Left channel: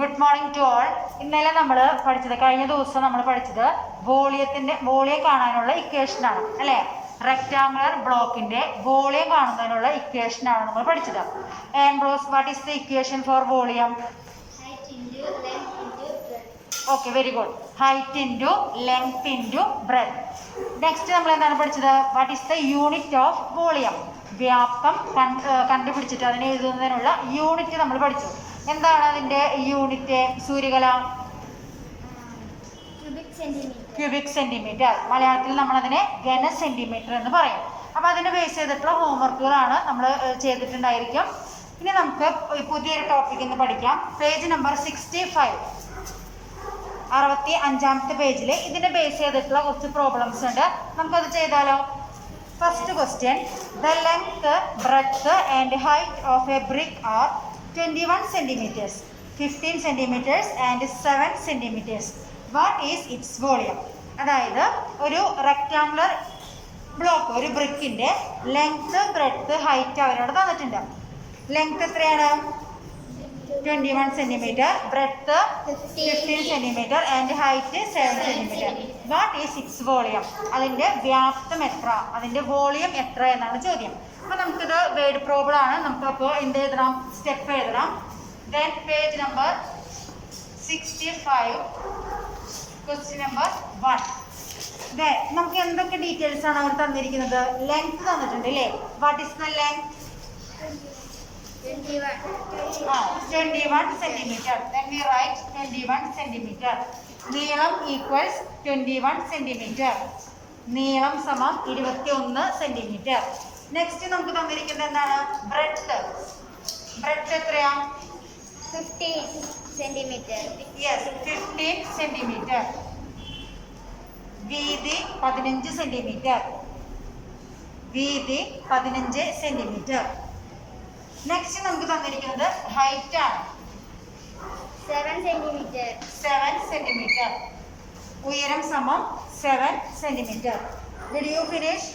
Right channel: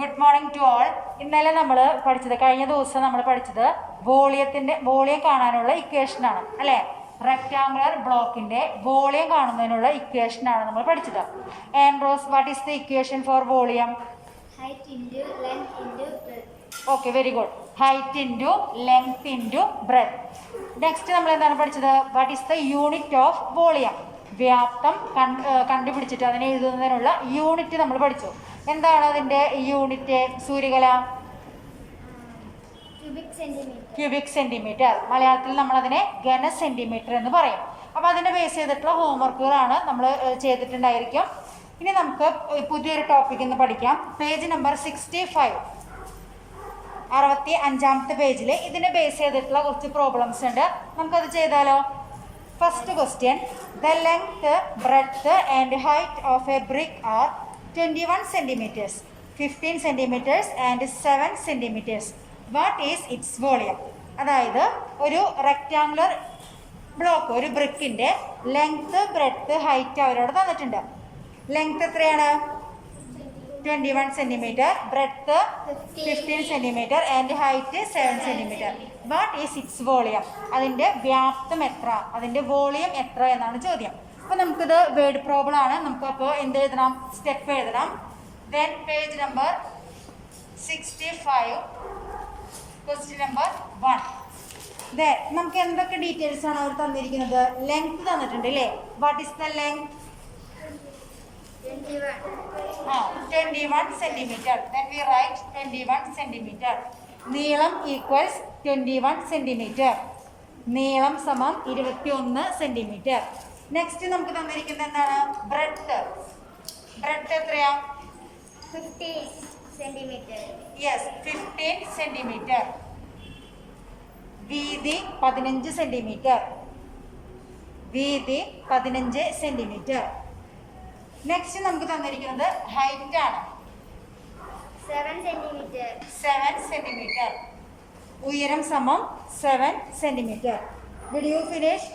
Good morning to all. ഇന്നലെ നമ്മൾ പഠിച്ചത്, കഴിഞ്ഞ ദിവസം നമ്മൾ പഠിച്ചത് വോളിയം കാണാനുള്ള ഇക്വേഷനാണ് അല്ലേ. റെക്ടാങ്കുലർ ബ്ലോക്കിൻ്റെ വോളിയം കാണുന്നതിനുള്ള ഇക്വേഷനാണ് നമ്മൾ പഠിച്ചത്. ആൻഡ്രോസ്, what is the equation for volume? Okay, very good. Height into length into breadth. Next നമ്മൾ എന്താണ് പഠിച്ചത്? What is the unit of volume? വ്യാപ്തം കണ്ടുപിടിച്ചിട്ട് അതിനെ എഴുതുന്നതിനുള്ള യൂണിറ്റ് നമ്മൾ പഠിച്ചു. എന്താണ് അതിൻ്റെ യൂണിറ്റ്? സൂര്യകല cubic centimetre. മലയാളത്തിൽ നമ്മളതിനെ ഘന സെൻറ്റിമീറ്റർ എന്ന് പറയും. അപ്പോൾ അതിനെ ബേസ് ചെയ്തിട്ടുള്ള ഹോംവർക്കുകളാണ് നമ്മൾ ചെയ്തിട്ടുണ്ടായിരിക്കും. ഇനി നമുക്ക് പുതിയൊരു ടോപ്പിക് എന്ന് പഠിക്കാം. പേജ് നമ്പർ 65, 65ാമത്തെ പേജിൽ ഇതിനെ ബേസ് ചെയ്തിട്ടുള്ള കുറച്ച് പ്രോബ്ലംസ് ഉണ്ട്. നമുക്കത് ചെയ്താലോ? First question, the length, breadth and height of a brick are 21 centimeters, 15 centimeters and 7 centimeters. What is its volume? അതായത് ഒരു റെക്റ്റാങ്കുലർ ബ്ലോക്ക്, ഒരു ബ്രിക്കിൻ്റെ ലെങ്ത്, ബ്രെഡ്ത്ത്, ഹൈറ്റ് അവരോട് തന്നിട്ടുണ്ട്. ലെങ്ത് എത്രയാണ്? 21 centimeter, breadth 15 centimeter and height 7 centimeter. What is its volume? അതിൻ്റെ വ്യാപ്തം എത്ര, അതിൻ്റെ വോളിയം എത്ര എന്നാണ് ചോദ്യം. അപ്പോൾ നമുക്കിത് വേർഡ് പ്രോബ്ലം ആണ്. നമുക്കപ്പോൾ എന്ത് എഴുതണം? സ്റ്റെപ്പ് എഴുതണം. Then page number 65, question number 1. Then നമുക്ക് എന്തൊക്കെ ഡീറ്റെയിൽസ് ആണ് അവർ തന്നിരിക്കുന്നത്? ലെങ്ത് തന്നിട്ടുണ്ട് അല്ലേ. What is the length? 21 centimeter. Then we write 21 centimeter. നീളം ഈക്വൽസ് 21 centimeter. നീളം സമം 21 centimeter. നെക്സ്റ്റ് നമുക്ക് തന്നിരിക്കുന്നത് എന്താണ്? ബ്രെഡ്ത്ത്. ബ്രെഡ്ത്ത് എത്രയാ? 15 centimeter. Yes, 15 centimeter. വീതി 15 centimeter. വീതി 15 centimeter. നെക്സ്റ്റ് നമുക്ക് തന്നിരിക്കുന്നത് ഹൈറ്റ് ആണ്. 7 centimeter. 7 centimeter. ഉയരം സമം 7 centimeter. Did you finish?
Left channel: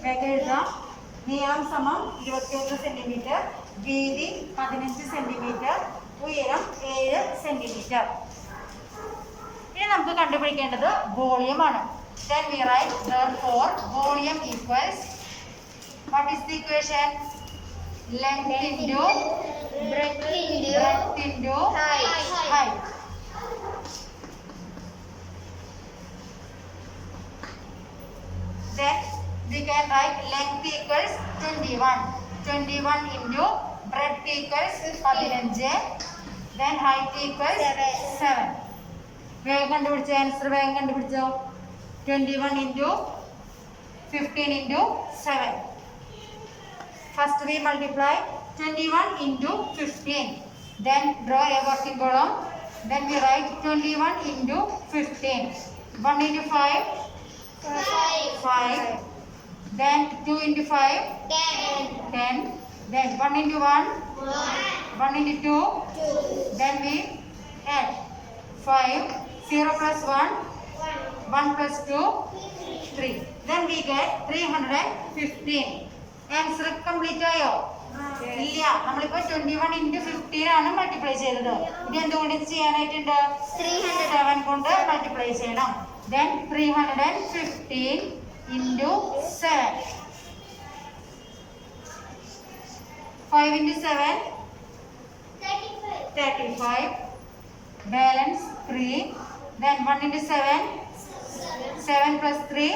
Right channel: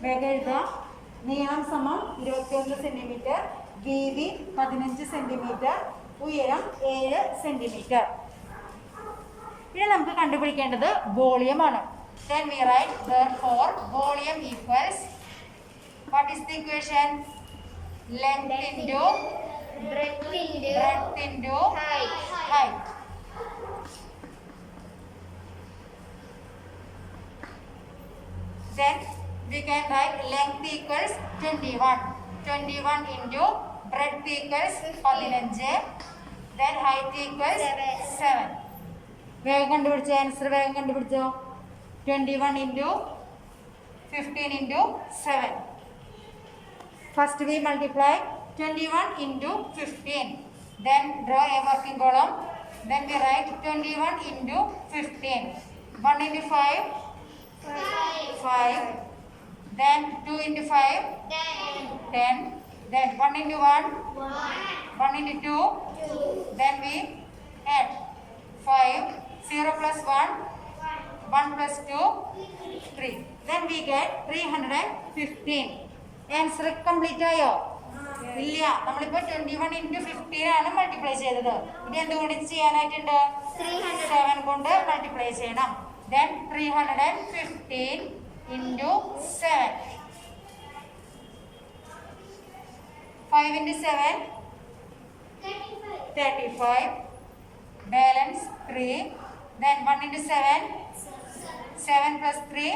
വേഗം എഴുതാം. നീളം സമം 21 centimeter, വീതി 15 centimeter, ഉയരം 7 centimeter. ഇനി നമുക്ക് കണ്ടുപിടിക്കേണ്ടത് വോളിയം ആണ്. Then we write therefore volume equals, what is the equation? Length into breadth into height. Then we can write length equals 21. 21 into breadth equals 15. Then height equals 7. വേഗം കണ്ടുപിടിച്ചോ, answer വേഗം കണ്ടുപിടിച്ചോ. 21 into 15 into 7. First we multiply 21 into 15. Then draw a working column. Then we write 21 into 15. 1 into 5. 5. Then 2 into 5. 10. Then 1 into 1. 1 into 2. Then we add 5. 0 plus 1. 1 plus 2. 3. Then we get 315. Answer complete ആയോ? ഇല്ല, നമ്മളിപ്പോൾ 21 into 15 ആണ് multiply ചെയ്തത്. ഇനി എന്തുകൊണ്ട് ചെയ്യാനായിട്ടുണ്ട്? 7 കൊണ്ട് multiply ചെയ്യണം. Then 315 into 7. 5 into 7. 35. Balance 3. Then 1 into 7. 7 plus 3.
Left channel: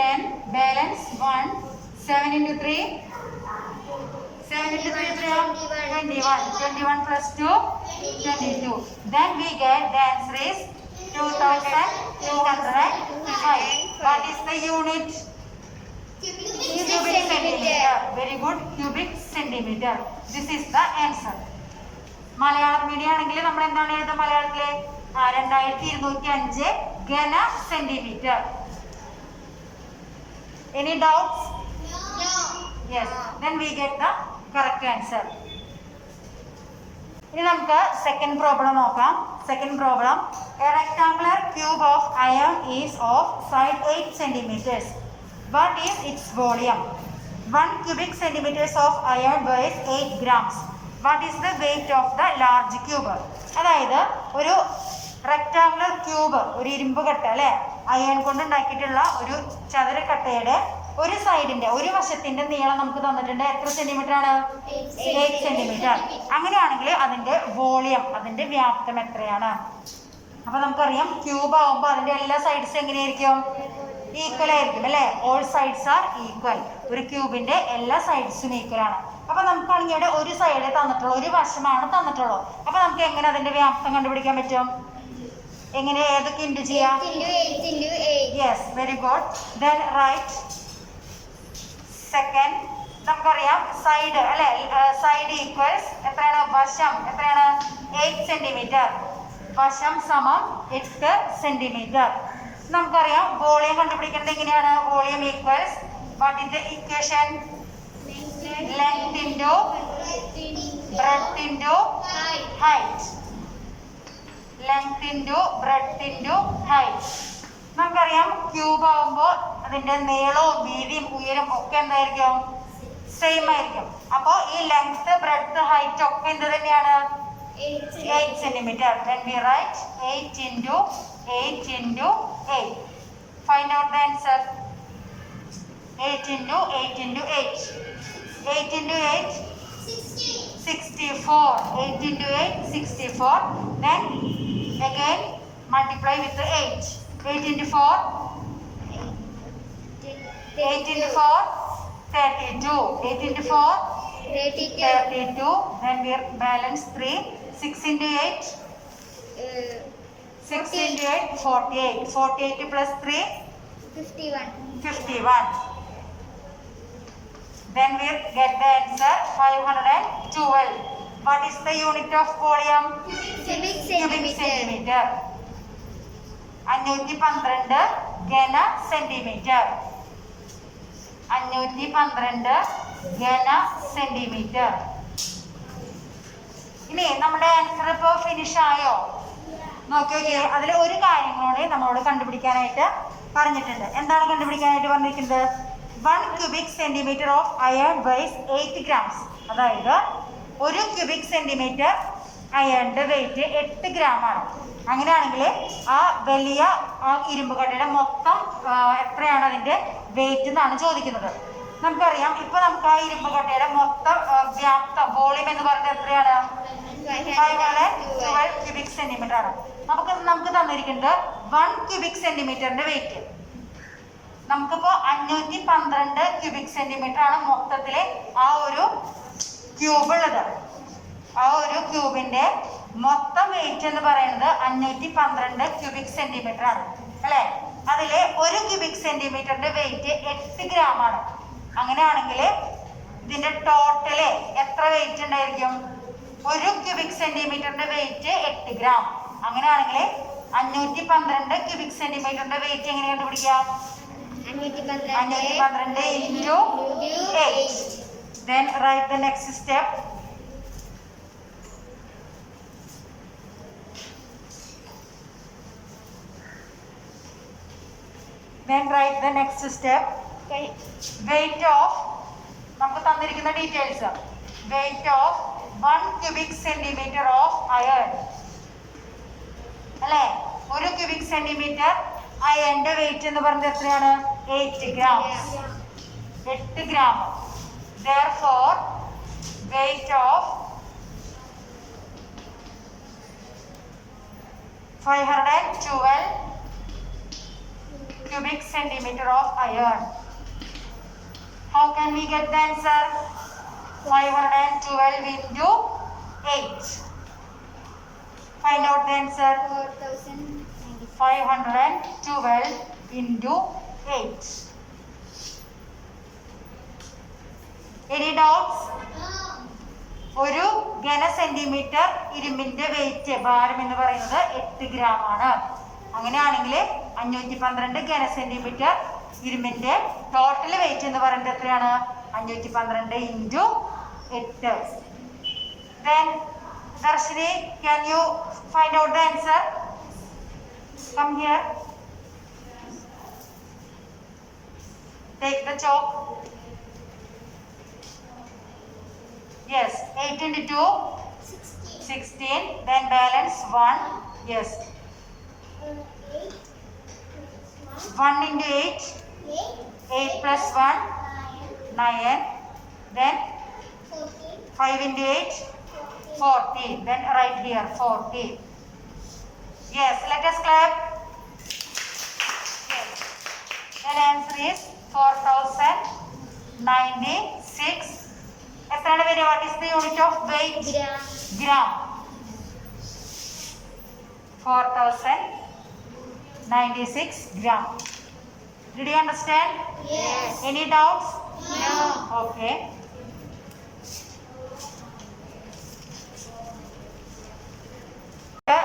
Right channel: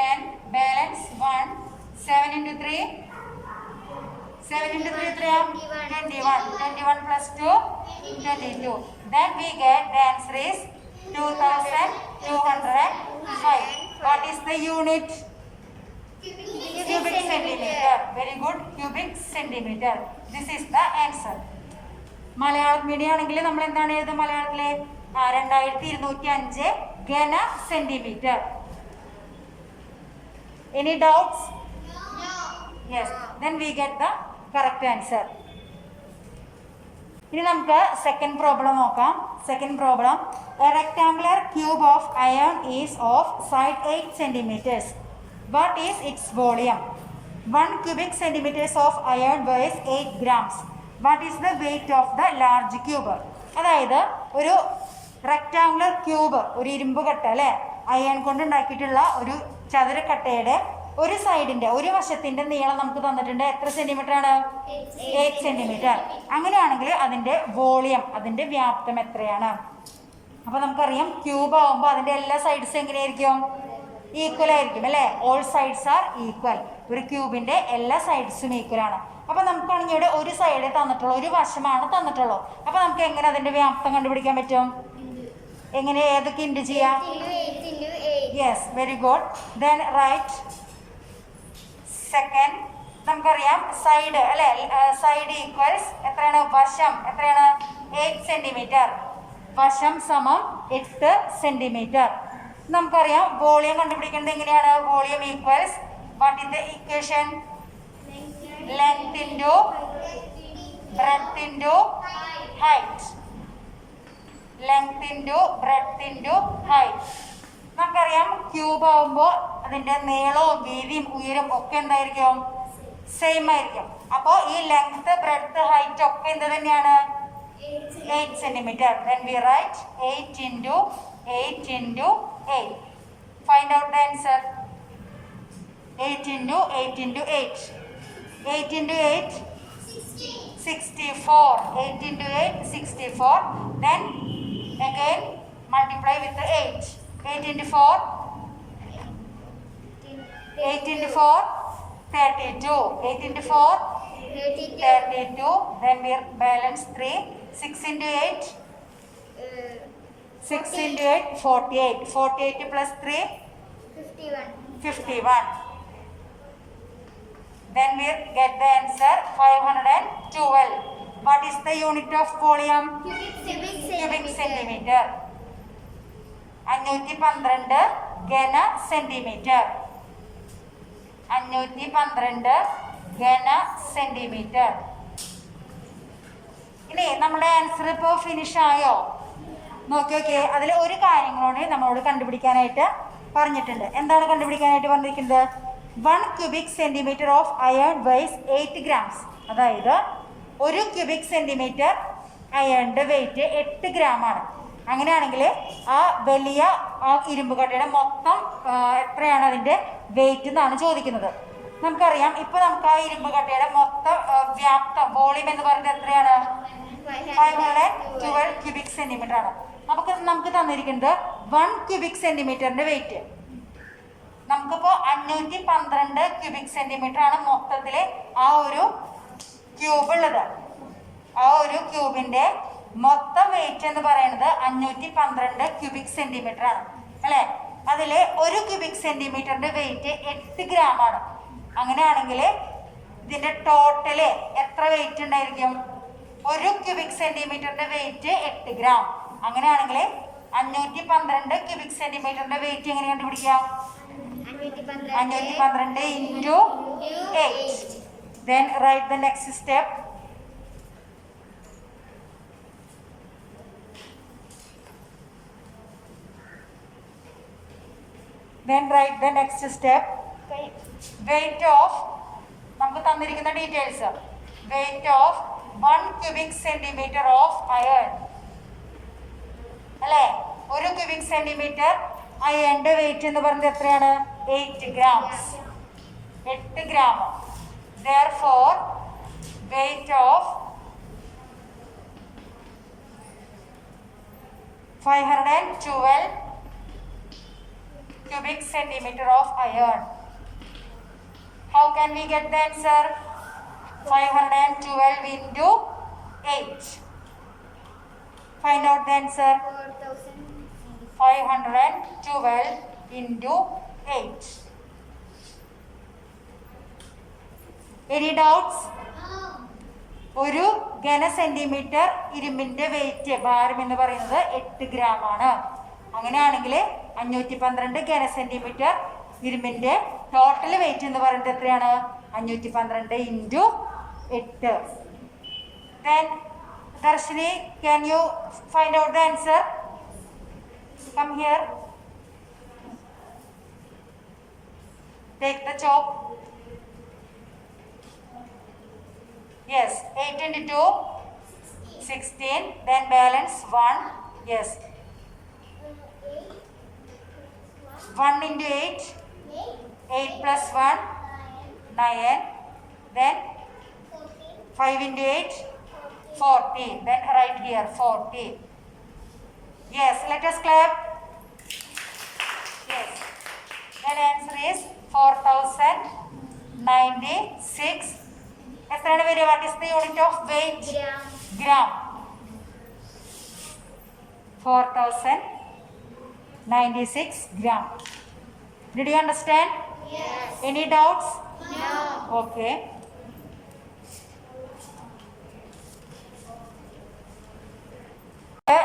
10. Balance 1. 7 into 3. 7 into 3 21. 21 plus 2. 22. Then we get the answer is 2205. What is the unit? Cubic centimeter. Very good. Cubic centimeter. This is the answer. Malayalam medium ആണെങ്കിൽ നമ്മൾ എന്താണ് എഴുതുക മലയാളത്തിലെ? 2205 ഘന centimetre. Any doubts? Yes. Then we get the correct answer. ഇനി നമുക്ക് second problem നോക്കാം. Second problem, A rectangular cube of iron is of side 8 centimeters. What is its volume? 1 cubic centimeters of iron weighs 8 grams. What is the weight of the large cube? അതായത് ഒരു rectangular cube, ഒരു ഇരുമ്പ് കട്ട അല്ലേ, iron കൊണ്ട് ഉണ്ടാക്കിയിട്ടുള്ള ഒരു ചതുരക്കട്ടയുടെ ഒരു സൈഡിൻ്റെ, ഒരു വശത്തിൻ്റെ നീളം നമുക്ക് തന്നിട്ടുണ്ട്. എത്ര സെൻറ്റിമീറ്റർ ആണ്? 8 സെൻറ്റിമീറ്റർ. അങ്ങനെയാണെങ്കിൽ അതിൻ്റെ വോളിയം, അതിൻ്റെ വ്യാപ്തം എത്രയാണ്? അപ്പോൾ നമുക്കറിയാം ക്യൂബ് ആകുമ്പോൾ അതിൻ്റെ എല്ലാ സൈഡ്സും എങ്ങനെയായിരിക്കും? ഈക്വൽ ആയിരിക്കും അല്ലേ? All sides are equal. ഒരു ക്യൂബിൻ്റെ എല്ലാ സൈഡ്സും ഈക്വൽ ആണ്. അപ്പോൾ നമുക്കാണെങ്കിൽ ഇവിടെ ഒരു സൈഡ് തന്നിട്ടുള്ളൂ, ഒരു വശമാണ് തന്നിട്ടുള്ളൂ. അപ്പോൾ നമുക്ക് എങ്ങനെ അതിൻ്റെ വ്യാപ്തം കണ്ടുപിടിക്കാൻ പറ്റും? എങ്ങനെ, ഏതൊക്കെ ഇൻറ്റു ചെയ്യാം? 8 yes, very good. Then right second. നമുക്കറിയാം സൈഡ് അല്ലേ, സൈഡ് ഈക്വൽസ് എത്രയാണ്? വശം എത്രയാണ്? 8 സെൻറ്റിമീറ്റർ. വശം സമം 8 സെൻറ്റിമീറ്റർ. നമുക്കറിയാം വോളിയം കണ്ടുപിടിക്കേണ്ടത് എങ്ങനെയാണ്? Volume equals what is the equation? Length into breadth into height. Length into breadth into height. നമുക്കറിയാം ക്യൂബ് ആകുമ്പോൾ അതിൻ്റെ നീളവും വീതിയും ഉയരം ഒക്കെ എന്തായിരിക്കും? സെയിം ആയിരിക്കും. അപ്പോൾ ഈ ലെങ്ത് ബ്രെഡ്ത്ത് ഹൈറ്റ് ഒക്കെ എന്ത് തന്നെയാണ്? 8 centimetre. Then we write 8 into 8 into 8. Find out the answer. 8 into 8 into 8. 8 into 8? 64. 8 into 8, 64. Then again multiply with the 8. 8 into 4? 8 into 4? 32. 8 into 4? 32. Then we balance 3. 6 into 8? 6 into 8, 48. 48 plus 3? 51. Then we get the answer 512. What is the unit of volume? Cubic Cubic centimeter. centimeter. 512 ഘന centimetre. 512 ഘന centimetre. ഇനി നമ്മുടെ answer ഇപ്പോൾ finish ആയോ? നോക്കി. അതിൽ ഒരു കാര്യം കൂടി നമ്മളോട് കണ്ടുപിടിക്കാനായിട്ട് പറഞ്ഞിട്ടുണ്ട്. എന്താണ് കണ്ടുപിടിക്കാനായിട്ട് പറഞ്ഞിരിക്കുന്നത്? 1 cubic centimeter of iron weighs 8 grams. അതായത് ഒരു ക്യൂബിക് സെൻറ്റിമീറ്റർ അയണിൻ്റെ വെയിറ്റ് 8 ഗ്രാമാണ്. അങ്ങനെയാണെങ്കിൽ ആ വലിയ ആ ഇരുമ്പ് കട്ടയുടെ മൊത്തം എത്രയാണ് അതിൻ്റെ വെയിറ്റ് എന്നാണ് ചോദിക്കുന്നത്. നമുക്കറിയാം ഇപ്പോൾ നമുക്ക് ആ ഇരുമ്പ് കട്ടയുടെ മൊത്തം വ്യാപ്തം, വോളിയം എന്ന് പറയുന്നത് എത്രയാണ്? 512 ക്യൂബിക് സെൻറ്റിമീറ്റർ ആണ്. നമുക്ക് തന്നിരിക്കുന്നത് 1 ക്യൂബിക് സെൻറ്റിമീറ്ററിൻ്റെ വെയിറ്റ്. നമുക്കിപ്പോൾ 512 ക്യൂബിക് സെൻറ്റിമീറ്റർ ആണ് മൊത്തത്തിൽ ആ ഒരു ക്യൂബ് ഉള്ളത്. ആ ഒരു ക്യൂബിൻ്റെ മൊത്തം വെയിറ്റ് എന്ന് പറയുന്നത് 512 ക്യൂബിക് സെൻറ്റിമീറ്റർ ആണ് അല്ലേ? അതിൽ ഒരു ക്യൂബിക് സെൻറ്റിമീറ്ററിൻ്റെ വെയിറ്റ് 8 ഗ്രാമാണ്. അങ്ങനെയാണെങ്കിൽ ഇതിൻ്റെ ടോട്ടല് എത്ര വെയിറ്റ് ഉണ്ടായിരിക്കും? ഒരു ക്യൂബിക് സെൻറ്റിമീറ്ററിൻ്റെ വെയിറ്റ് 8 ഗ്രാം. അങ്ങനെയാണെങ്കിൽ 512 ക്യൂബിക് സെൻറ്റിമീറ്ററിൻ്റെ വെയിറ്റ് എങ്ങനെ കണ്ടുപിടിക്കാം? 512 into 8. Then write the next step. Then write the next step. Weight of, നമുക്ക് തന്നിരിക്കുന്ന details. Weight of 1 cubic centimeter of iron. അല്ലേ? ഒരു ക്യൂബിക് സെൻറ്റിമീറ്റർ അയണിൻ്റെ വെയിറ്റ് എന്ന് പറയുന്നത് എത്രയാണ്? 8 grams. 8 gram. Therefore, weight of 512 cubic centimeter of iron. How can we get the answer? 512 into 8. Find out the answer. 512 into 8. Any doubts? ഒരു ഘന centimetre ഇരുമ്പിൻ്റെ wait, ഭാരം എന്ന് പറയുന്നത് 8 ഗ്രാമാണ്. അങ്ങനെയാണെങ്കിൽ 512 ഘന സെൻറ്റിമീറ്റർ ഇരുമ്പിൻ്റെ ടോട്ടൽ വെയിറ്റ് എന്ന് പറയുന്നത് എത്രയാണ്? 512 into 8. Then Darshini, can you find out the answer? Come here. Take the chalk. Yes. 8 into 2, 16. Then balance 1. Yes. 1 into 8, 8 plus 1, 9. Then 5 into 8, 40. Then right here 40. Yes. Let us clap. Yes. Then answer is 4096. What is the unit of weight? Gram. Gram. 4096 gram. Did you understand? Yes. Any doubts? No. Okay.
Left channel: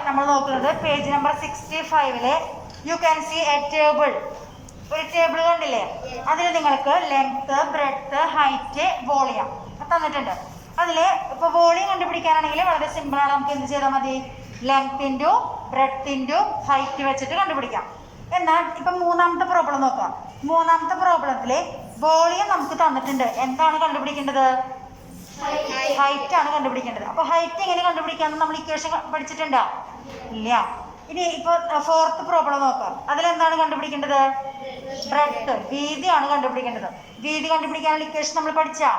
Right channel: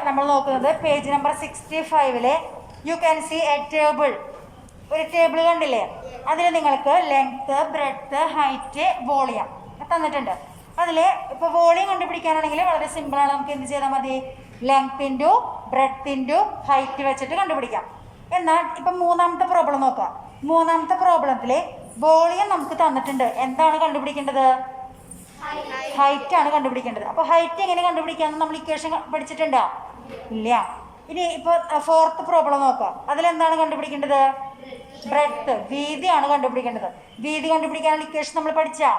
നമ്മൾ നോക്കുന്നത് page number 65-ലെ you can see a table. ഒരു table കണ്ടില്ലേ? അതിൽ നിങ്ങൾക്ക് length, breadth, height, volume തന്നിട്ടുണ്ട്. അതിൽ ഇപ്പോൾ വോളിയം കണ്ടുപിടിക്കാനാണെങ്കിൽ വളരെ സിമ്പിളാണ്. നമുക്ക് എന്ത് ചെയ്താൽ മതി? Length into breadth into height വെച്ചിട്ട് കണ്ടുപിടിക്കാം. എന്നാൽ ഇപ്പം മൂന്നാമത്തെ പ്രോബ്ലം നോക്കാം. മൂന്നാമത്തെ പ്രോബ്ലത്തിൽ വോളിയം നമുക്ക് തന്നിട്ടുണ്ട്. എന്താണ് കണ്ടുപിടിക്കേണ്ടത്? ഹൈറ്റ് ആണ് കണ്ടുപിടിക്കേണ്ടത്. അപ്പോൾ ഹൈറ്റ് എങ്ങനെ കണ്ടുപിടിക്കാമെന്ന് നമ്മൾ ഇക്വേഷൻ പഠിച്ചിട്ടുണ്ടോ? ഇല്ല. ഇനി ഇപ്പോൾ ഫോർത്ത് പ്രോബ്ലം നോക്കാം. അതിലെന്താണ് കണ്ടുപിടിക്കേണ്ടത്? ബ്രെഡ്ത്ത്, വീതിയാണ് കണ്ടുപിടിക്കേണ്ടത്. വീതി കണ്ടുപിടിക്കാനുള്ള ഇക്വേഷൻ നമ്മൾ പഠിച്ചാ?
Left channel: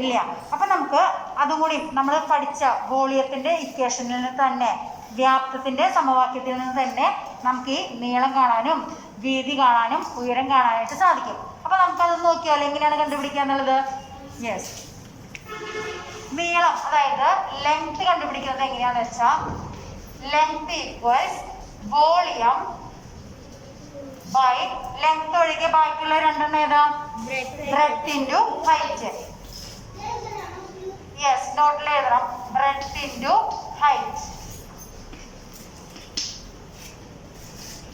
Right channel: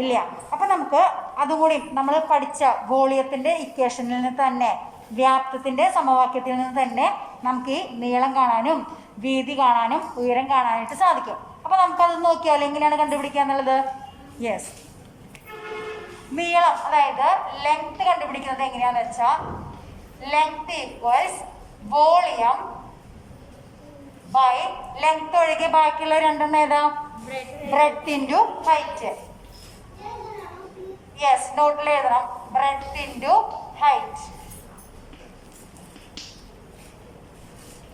ഇല്ല. അപ്പം നമുക്ക് അതുകൂടി നമ്മൾ പഠിച്ച വോളിയത്തിൻ്റെ ഇക്വേഷനിൽ നിന്ന് തന്നെ, വ്യാപ്തത്തിൻ്റെ സമവാക്യത്തിൽ നിന്ന് തന്നെ നമുക്ക് ഈ നീളം കാണാനും വീതി കാണാനും ഉയരം കാണാനായിട്ട് സാധിക്കും. അപ്പോൾ നമുക്കത് നോക്കിയാൽ എങ്ങനെയാണ് കണ്ടുപിടിക്കുക എന്നുള്ളത്? യെസ്. നീളം, അതായത് ലെങ്ത് കണ്ടുപിടിക്കുന്നത് എങ്ങനെയാണെന്ന് വെച്ചാൽ length equals volume by length ഒഴികെ ബാക്കിയുള്ള രണ്ടെണ്ണം ഏതാ? Breadth into height. യെസ്, നോട്ടിൽ എഴുതണം. Breadth into height.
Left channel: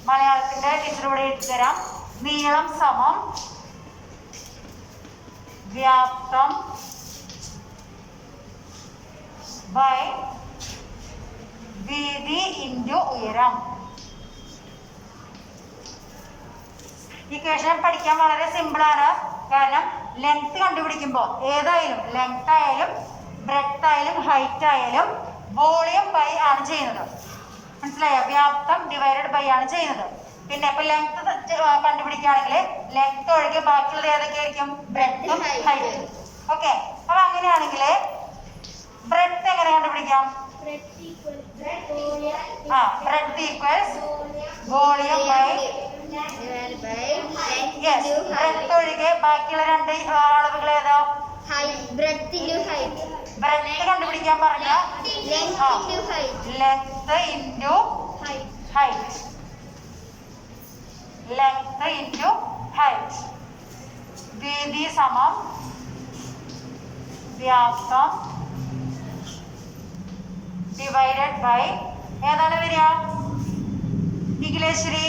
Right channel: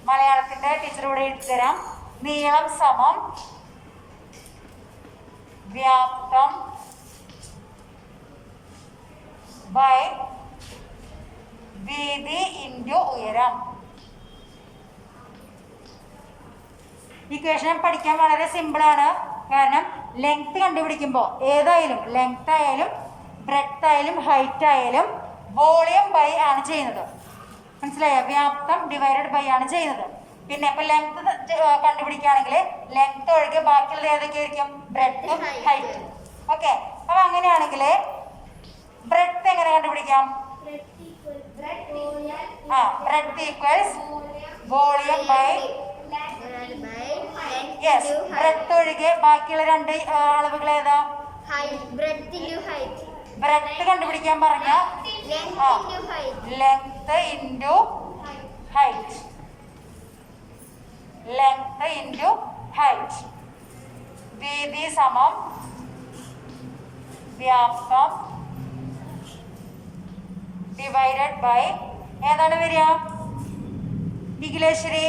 മലയാളത്തിൻ്റെ ടീച്ചർ ഇവിടെ എഴുതി തരാം. നീളം സമം വ്യാപ്തം ബൈ വീതി ഇൻറ്റു ഉയരം. ഇക്വേഷൻ പഠിക്കാൻ വളരെ സിമ്പിളാണ്. കാരണം ലെങ്ത് കണ്ടുപിടിക്കുമ്പോൾ ഏതായാലും ലെങ്ത് ആയാലും ബ്രെഡ്ത്ത് ആയാലും ഹൈറ്റ് ആയാലും വോളിയം ബൈ ആണ് ചെയ്യുന്നത്. മനസ്സിലായോ? വ്യാപ്തം ഡിവൈഡഡ് ബൈ ആണ് ചെയ്യുന്നത്. പിന്നെ ഇപ്പം ലെങ്ത് കണ്ടുപിടിക്കുകയാണെങ്കിൽ ലെങ്ത് ഒഴികെ ബാക്കിയുള്ളത് ഏതൊക്കെയായിരിക്കും? ബ്രെഡ്ത്തും ഹൈറ്റും. ഓക്കെ. അപ്പം അങ്ങനെയാണെങ്കിൽ ബ്രെഡ്ത്ത് എങ്ങനെ കണ്ടുപിടിക്കാം? Breadth equals volume by yes, breadth ഒഴികെ ബാക്കിയുള്ള രണ്ട് അളവുകൾ ഏതാ? Breadth into height. ബ്രെഡ്ത്ത് കണ്ടുപിടിക്കാൻ പറഞ്ഞ Length into height. Length into height. Length into height. വീതി സമം വ്യാപ്തം ഡിവൈഡഡ് ബൈ ഏതാണ് വരിക? നിഖിലേശ്വരി,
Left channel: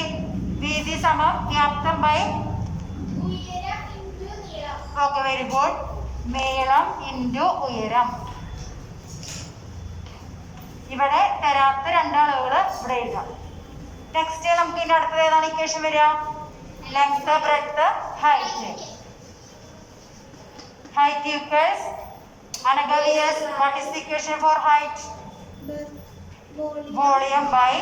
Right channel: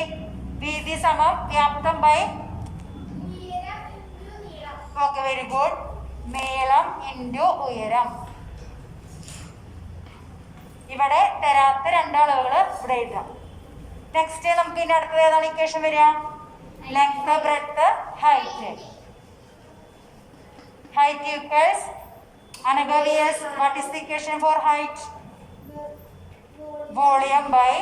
വീതി സമം വ്യാപ്തം ബൈ ഓക്കെ, വെരി ഗുഡ്. നീളം ഇൻറ്റു ഉയരം. ഇവിടെ തരാത്ത രണ്ടളവുകൾ ഇവിടെ എഴുതാം. നെക്സ്റ്റ് നമുക്ക് ഇതിൻ്റെ അടുത്തത് ഏതാണ് ഇക്വേഷൻ വരിക? Length, breadth, height. Height equals Anagarius, what is the equation for height? Volume by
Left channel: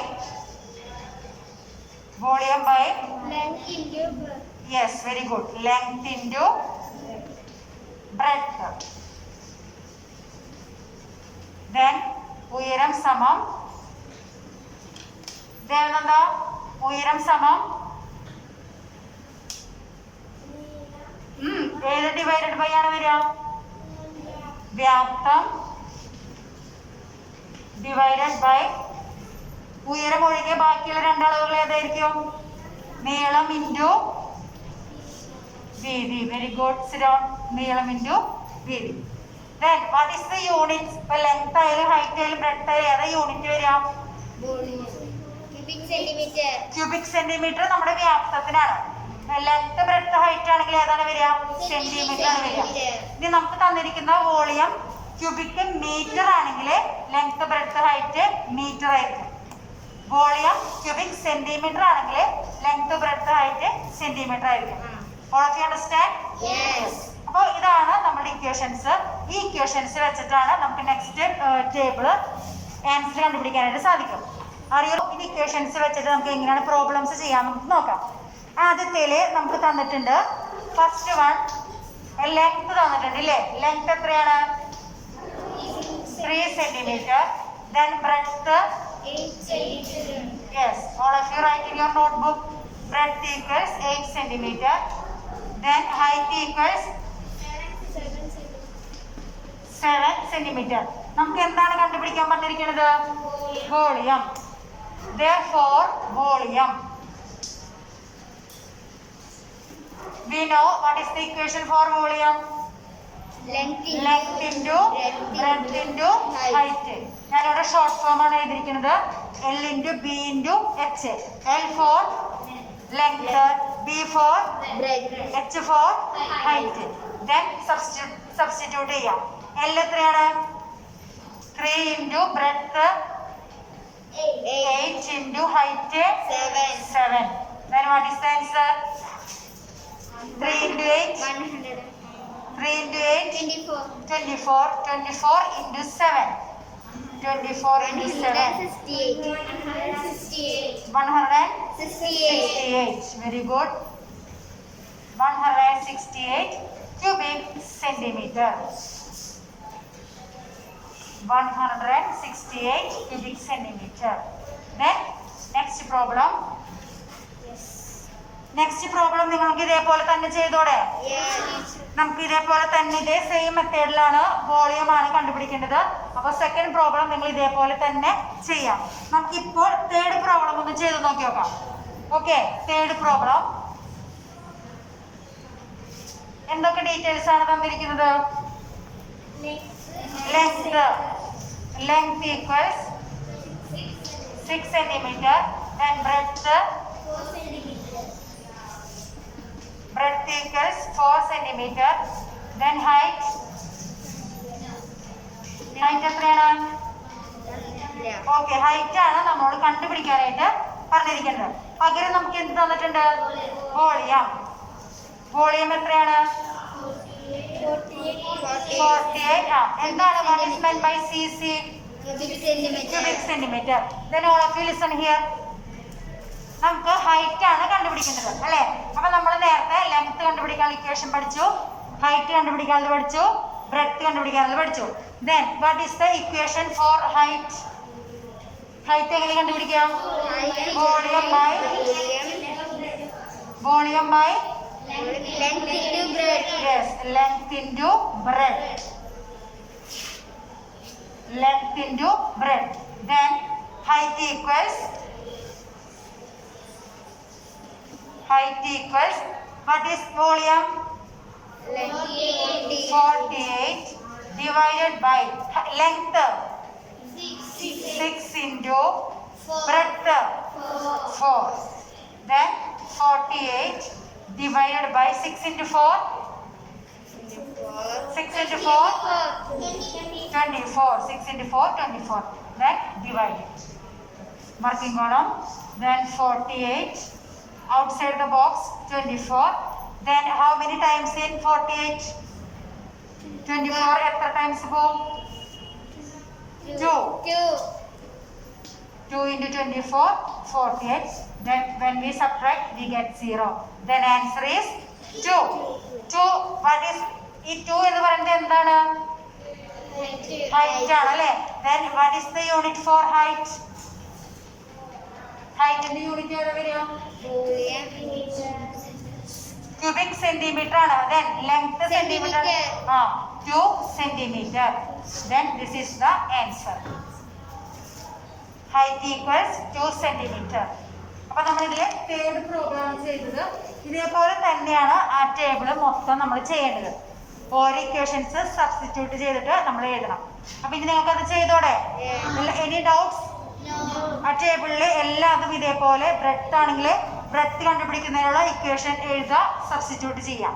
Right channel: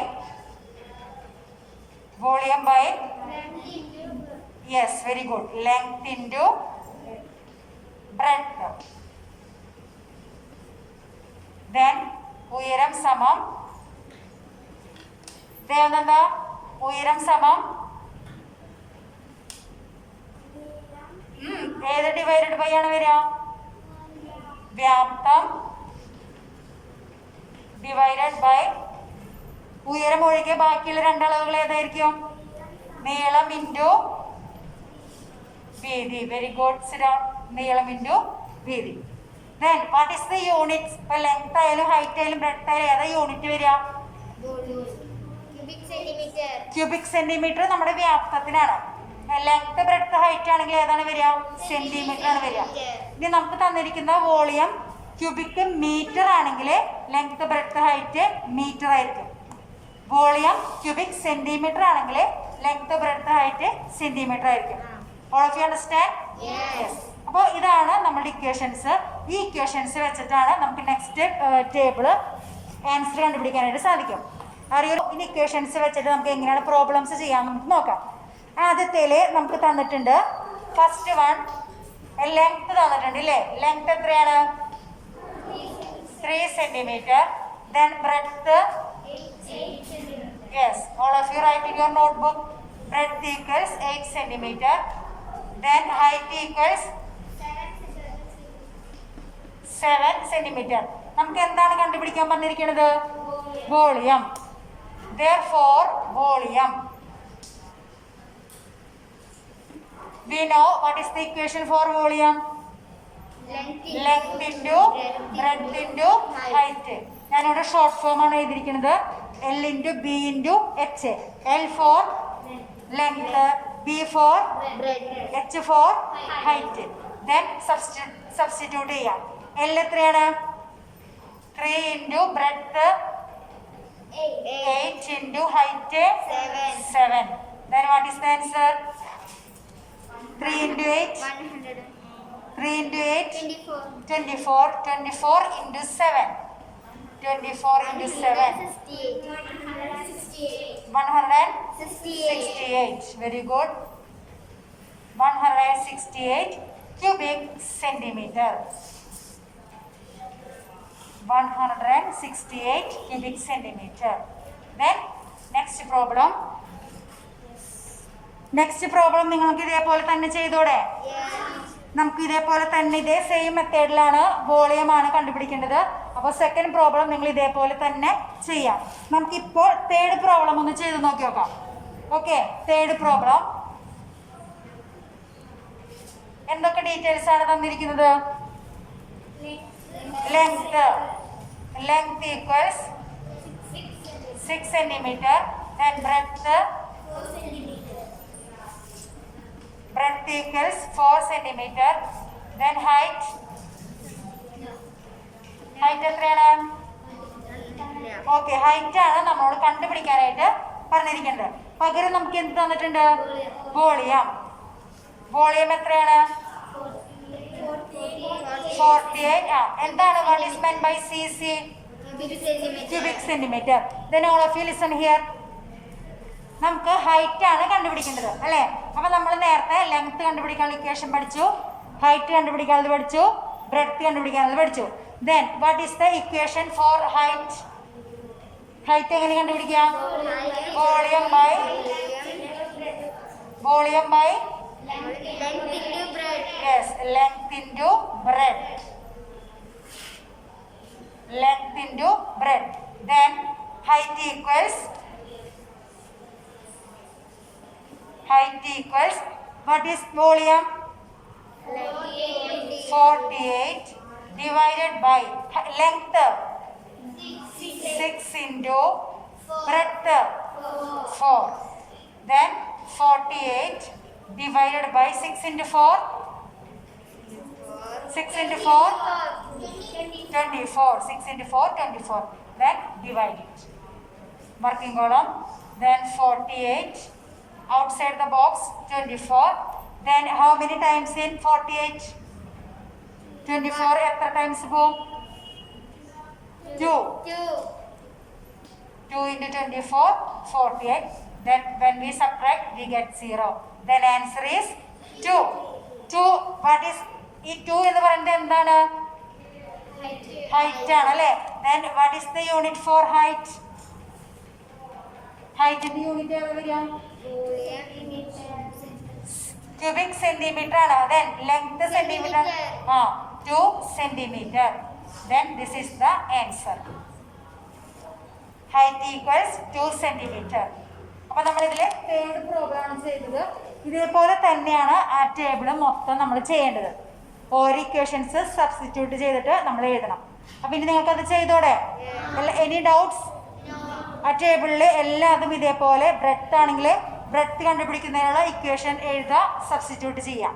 Length into yes, very good. Length into breadth. Then ഉയരം സമം എന്താ? ഉയരം സമം ഏത് ഡിവൈഡഡ് ബൈ ആണ് വരിക? വ്യാപ്തം ഡിവൈഡഡ് ബൈ ഉയരം ഒഴികെ ബാക്കിയുള്ള രണ്ടളവുകൾ ഏതായിരിക്കും? നീളം ഇൻറ്റു വീതി. Very good. സിഡോൺ. നീളം ഇൻറ്റു വീതി. Then what is the units? ഇപ്പോൾ ലെങ്ത് ആയാലും ഹൈറ്റ് ആയാലും ബ്രെഡ്ത്ത് ആയാലും ഏതാ യൂണിറ്റ് വരിക? cubic centimeter. ക്യൂബിക് സെന്റിമീറ്റർ നമ്മുടെ വ്യാപ്തത്തിനാണ്. ലെങ്ത്, ബ്രെഡ്ത്ത്, ഹൈറ്റ് ആണെങ്കിൽ ഏതാണ് വരിക? സെന്റിമീറ്റർ ആണ് വരിക. ഇനി നമുക്ക് തന്നിരിക്കുന്ന വോളിയം ക്യൂബിക് മീറ്റർ ആണെങ്കിൽ ലെങ്ത്, ബ്രെഡ്ത്ത്, ഹൈറ്റ് മീറ്റർ ആയിരിക്കും. വോളിയം ക്യൂബിക് സെന്റിമീറ്റർ ആണെങ്കിൽ ലെങ്ത്, ബ്രെഡ്ത്ത്, ഹൈറ്റ് സെന്റിമീറ്റർ ആയിരിക്കും. All of you understand? Yes. അപ്പോൾ ഇതാണ് നമ്മുടെ ഇക്വേഷൻസ്. ഈ ഇക്വേഷൻസ് വെച്ചിട്ടാണ് നമുക്ക് നെക്സ്റ്റ് ടേബിള് ആൻസർ കണ്ടുപിടിക്കാനായിട്ട് സാധിക്കും. അറിയാലോ, ഈ ഇക്വേഷൻസ് വെച്ചിട്ട് നമുക്ക് എങ്ങനെയാണ് പ്രോബ്ലംസ് ചെയ്യാൻ നമുക്ക് നോക്കാം. ആദ്യത്തേല് നമുക്ക് തന്നിട്ടുണ്ട് ഫസ്റ്റ് വൺ ലെങ്ത് തന്നിട്ടുണ്ട് ഇല്ലേ? ലെങ്ത് എത്രയാണ്? 3 centimeter. Then breadth, 8 yes, all of you write in your notebook. Breadth equals 8 centimeter. Then height equals 7 centimeter. നമുക്ക് എന്താണ് കണ്ടുപിടിക്കാൻ പറഞ്ഞിരിക്കുന്നത്? Volume. Therefore, volume. We know what is the equation for volume? Length into breadth into height. ഞാനിവിടെ short form ആണ് എഴുതിയിരിക്കുന്നത്. L into B into H. L for length, B for breadth, H for height. Then substitute ചെയ്യാം. L എത്രയാണ്? 3 into breadth, 8 into height, 7. Then what is the answer? 3 into 8, 100, 3 into 8, 24, 24, 24 into 7, 24 into 7, 168, 168, very good, 168 cubic centimeter, 168 cubic centimeter. Then next problem. Next problem നിങ്ങൾക്ക് ഇതേപോലെ തന്നെ ചെയ്തോടെ? നമുക്ക് ഇതേപോലെ തന്നെ ഇതേ same മെത്തേഡിലാണ് volume ആണ് കണ്ടുപിടിക്കേണ്ടത്. അപ്പോൾ സെക്കൻഡ് പ്രോബ്ലം നിങ്ങൾ ഇതേപോലെ തന്നെ ചെയ്യാം. നമുക്കിപ്പോൾ തേർഡ് പ്രോബ്ലം ഒന്ന് ചെയ്ത് നോക്കി നോക്കാം. ഓക്കെ, തേർഡ് പ്രോബ്ലം എന്തൊക്കെ ഡീറ്റെയിൽസ് ആണ് തന്നിരിക്കുന്നത്? Length equals 6 centimeter. Then breadth equals 4 centimeter. Then height എത്രയാണ്? ഓക്കെ, ഹൈറ്റ് ആണ് നമ്മൾ കണ്ടുപിടിക്കാനായിട്ട് പറഞ്ഞിരിക്കുന്നത്. പകരം നമുക്ക് എന്ത് തന്നിട്ടുണ്ട്? വോളിയം. വോളിയം എത്രയാണ്? 48. എന്താണ് what is meant by cc? Cubic centimeter. Then all of you listen here. നമുക്ക് ഹൈറ്റ് ആണ് കണ്ടുപിടിക്കേണ്ടത് അല്ലേ? അപ്പൊ നമ്മൾ നേരത്തെ ലെങ്ത് കണ്ടുപിടിക്കാനുള്ള ഇക്വേഷൻ പഠിച്ചു, ഹൈറ്റ് കണ്ടുപിടിക്കാനുള്ളത് പഠിച്ചു, ബ്രെഡ്ത്ത് കണ്ടുപിടിക്കാനുള്ളത് പഠിച്ചു. Then what is the equation for height? Height എങ്ങനെ കണ്ടുപിടിക്കാം? Volume by length into breadth. Yes, length into breadth. Length into breadth. Then height equals what is volume? 48 divided by length 6 into breadth 4. Then 48 divided by 6 into 4. 6 into 4, 24. 6 into 4, 24. Then divide it. Marking column. Then 48. Outside the box 24. Then how many times in 48? 24 extra times go? 2. 2 into 24, 48. Then when we subtract, we get 0. Then answer is 2. 2. What is ഈ 2 എന്ന് പറയുന്നത് എന്താണ്? Height ആണ് അല്ലേ? Then what is the unit for height? ഹൈറ്റിന്റെ unit ഏതാ വരിക? Cubic centimetre ആണ്. Then length centimetre. 2 centimeter. Then this is the answer. Height equals 2 centimeter. അപ്പൊ നമ്മൾ ഇതിലെ തേർഡ് പ്രോഗ്രാം ചെയ്തത് ഇതേപോലെ തന്നെയാണ് ആ ടേബിൾ മൊത്തം നമ്മൾ ചെയ്യേണ്ടത്. ഓരോ ഇക്വേഷൻസ് സബ്സ്റ്റിറ്റ്യൂട്ട് ചെയ്തിട്ട് നമ്മൾ എഴുതണം. അപ്പൊ ഇനി നിങ്ങൾക്കത് ചെയ്തോടെ? Any doubts? ആ ടേബിളിൽ എല്ലാതും ഇതേപോലെ ബ്രെഡ്ത്ത് ആണെങ്കിൽ ബ്രെഡ്ത്ത് കണ്ടുപിടിക്കുന്നതിനുള്ള ഇക്വേഷൻ എഴുതുക, സബ്സ്റ്റിറ്റ്യൂട്ട് ചെയ്യാം.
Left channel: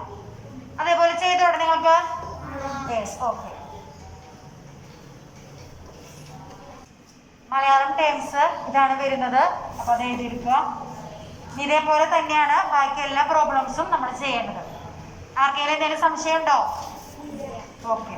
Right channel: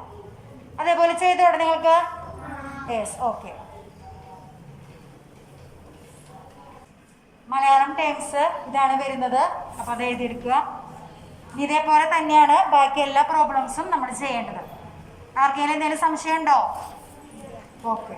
അതേപോലെ ചെയ്തോടെ നിങ്ങൾക്ക്? Yes, okay. മലയാളം ടേംസ് ഇതാണ് വരുന്നത്. അപ്പോൾ അത് എഴുതിയിരിക്കുക. ഇതേപോലെ തന്നെയാണ് ബാക്കി എല്ലാ പ്രോബ്ലംസും നമ്മൾ ചെയ്യേണ്ടത്. ആർക്കെങ്കിലും എന്തെങ്കിലും സംശയം ഉണ്ടോ? ഓക്കെ.